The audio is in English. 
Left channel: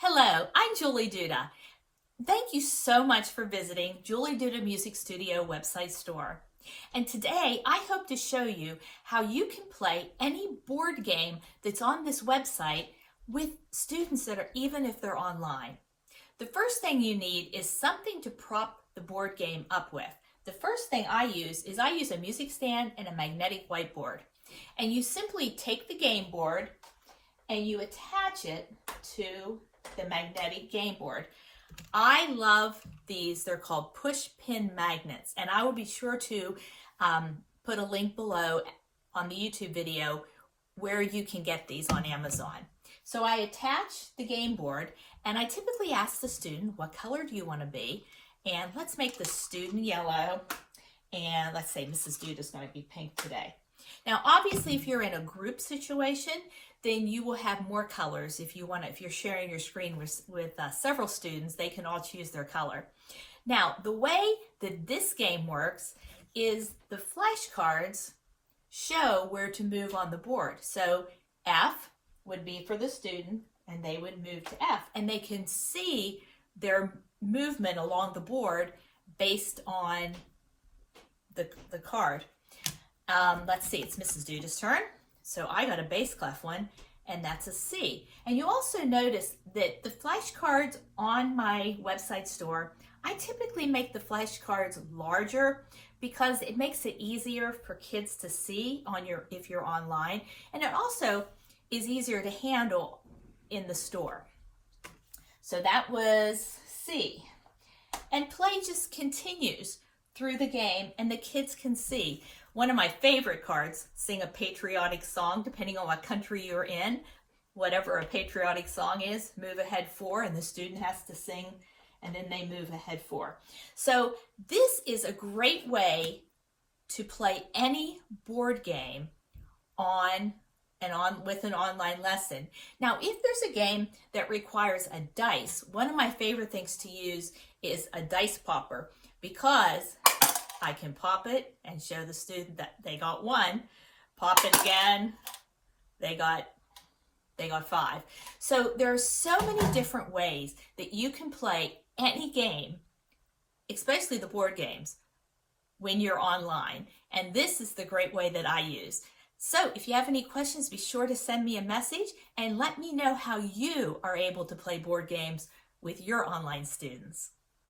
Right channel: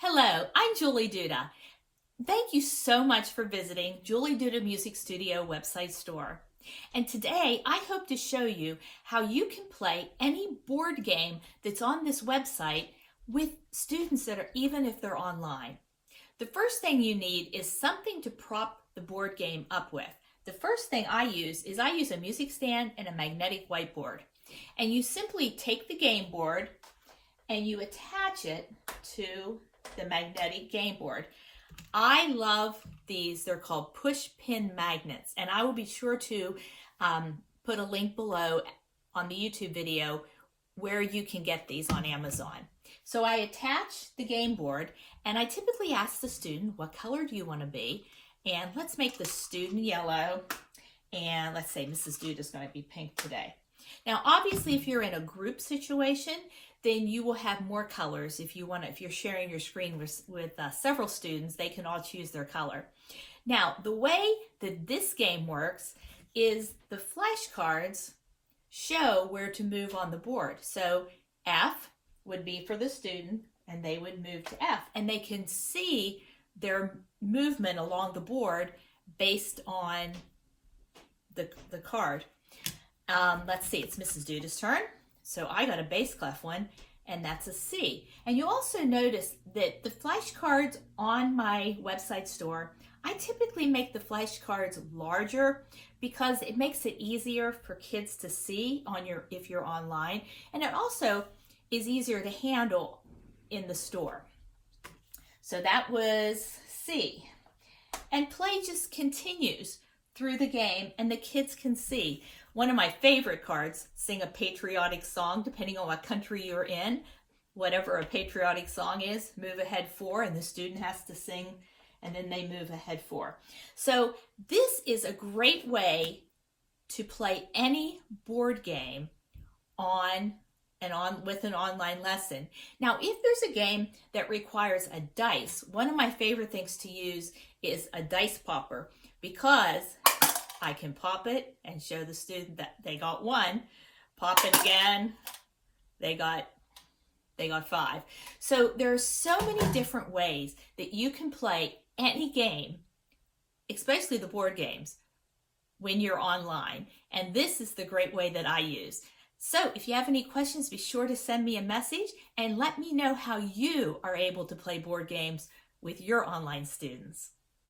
Hello, I'm Julie Duda. Thank you so much for visiting Julie Duda Music Studio website store. And today I hope to show you how you can play any board game that's on this website with students that are even if they're online. The first thing you need is something to prop the board game up with. The first thing I use a music stand and a magnetic whiteboard. And you simply take the game board and you attach it to the magnetic game board. I love these. They're called push pin magnets, and I will be sure to put a link below on the YouTube video where you can get these on Amazon. So I attach the game board, and I typically ask the student, what color do you want to be? And let's make the student yellow, and let's say Mrs. Duda is going to be pink today. Now, obviously, if you're in a group situation, then you will have more colors. If you're sharing your screen with several students, they can all choose their color. Now, the way that this game works is the flashcards show where to move on the board. So F would be for the student, and they would move to F, and they can see their movement along the board based on the card. Let's see, it's Mrs. Duda's turn. So I got a bass clef one, and that's a C. And you also notice that the flashcards on my website store, I typically make the flashcards larger because it makes it easier for kids to see if you're online, and it also is easier to handle in the store. So that was C. And play just continues through the game, and the kids can see. One of my favorite cards, sing a patriotic song, depending on what country you're in. Whatever a patriotic song is, move ahead 4, and the student has to sing, and then they move ahead 4. So this is a great way to play any board game with an online lesson. Now, if there's a game that requires a dice, one of my favorite things to use is a dice popper, because I can pop it and show the student that they got 1, pop it again, they got 5. So there are so many different ways that you can play any game, especially the board games, when you're online. And this is the great way that I use. So if you have any questions, be sure to send me a message and let me know how you are able to play board games with your online students.